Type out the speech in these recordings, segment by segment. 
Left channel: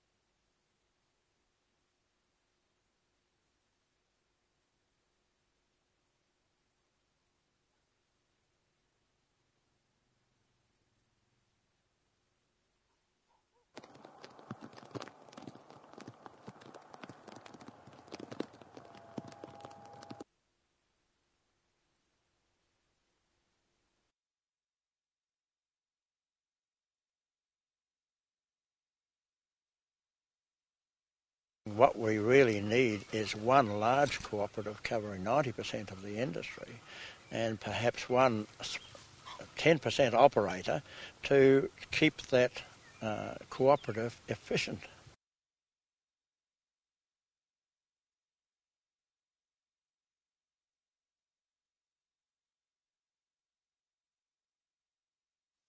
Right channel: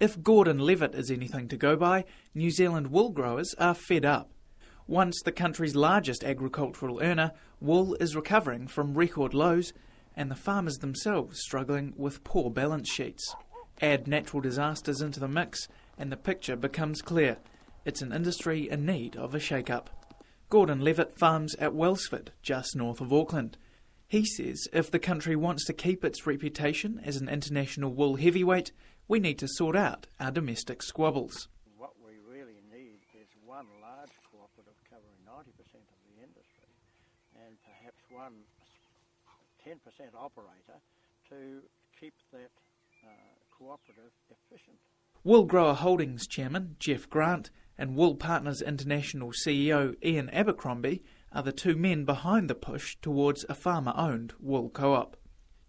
If Gordon Levitt is anything to go by, New Zealand wool growers are fed up. Once the country's largest agricultural earner, wool is recovering from record lows, and the farmers themselves struggling with poor balance sheets. Add natural disasters into the mix, and the picture becomes clear. It's an industry in need of a shake-up. Gordon Levitt farms at Wellsford, just north of Auckland. He says if the country wants to keep its reputation as an international wool heavyweight, we need to sort out our domestic squabbles. What we really need is one large cooperative covering 90% of the industry and perhaps one 10% operator to keep that cooperative efficient. Wool Grower Holdings Chairman Jeff Grant and Wool Partners International CEO Ian Abercrombie are the two men behind the push towards a farmer-owned wool co-op.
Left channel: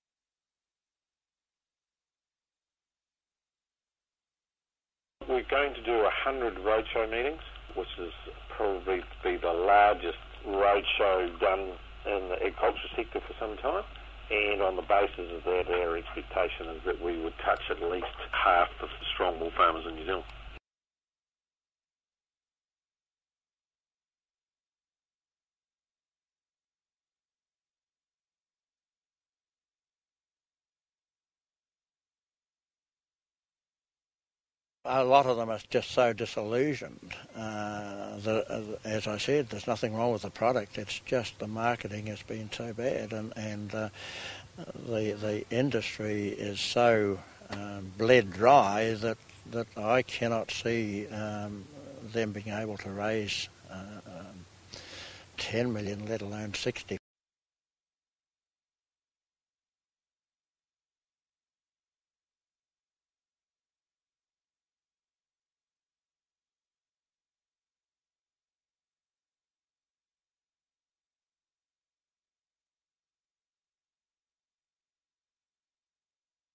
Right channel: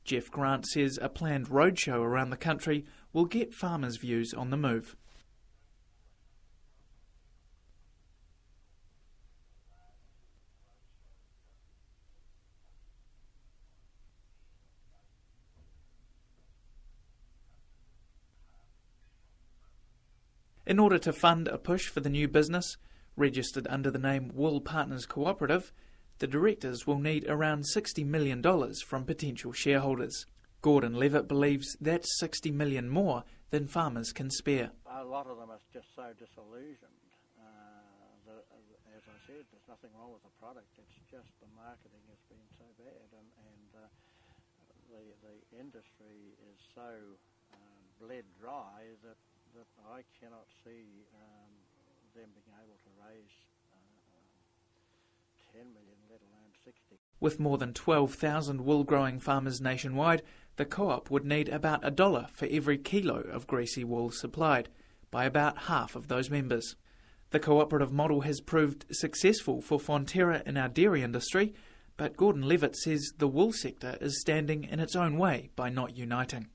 Jeff Grant says a planned roadshow around the country will get farmers' views on the move. We're going to do 100 roadshow meetings, which is probably be the largest roadshow done in the agriculture sector for some time. And on the basis of that, our expectation is that we would touch at least half of the strong wool farmers in New Zealand. In order to fund a push for the new business, registered under the name Wool Partners Cooperative, the directors will need around $60 million from potential shareholders. Gordon Levitt believes that's $60 million more than farmers can spare. A lot of them are just so disillusioned that, as I said, there's nothing wrong with the product. It's just the marketing has been so bad, and the industry is so bled dry that I cannot see them being able to raise 10 million, let alone 60. With more than 12,000 wool-growing farmers nationwide, the co-op would need about $1 for every kilo of greasy wool supplied, by about half of those members. The cooperative model has proved successful for Fonterra in our dairy industry, but Gordon Levitt says the wool sector is standing in its own way by not uniting.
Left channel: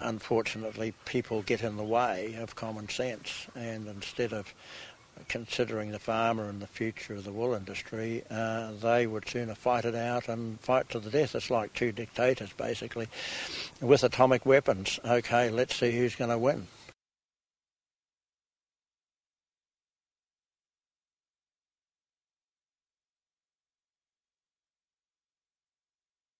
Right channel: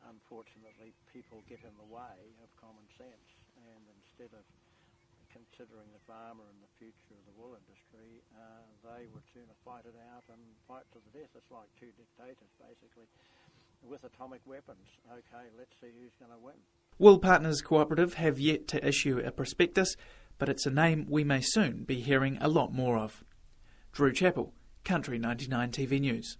Unfortunately, people get in the way of common sense, and instead of considering the farmer and the future of the wool industry, they would sooner fight it out and fight to the death. It's like two dictators, basically, with atomic weapons. OK, let's see who's going to win. Wool Partners Cooperative have yet to issue a prospectus, but it's a name we may soon be hearing a lot more of. Drew Chappell, Country 99 TV News.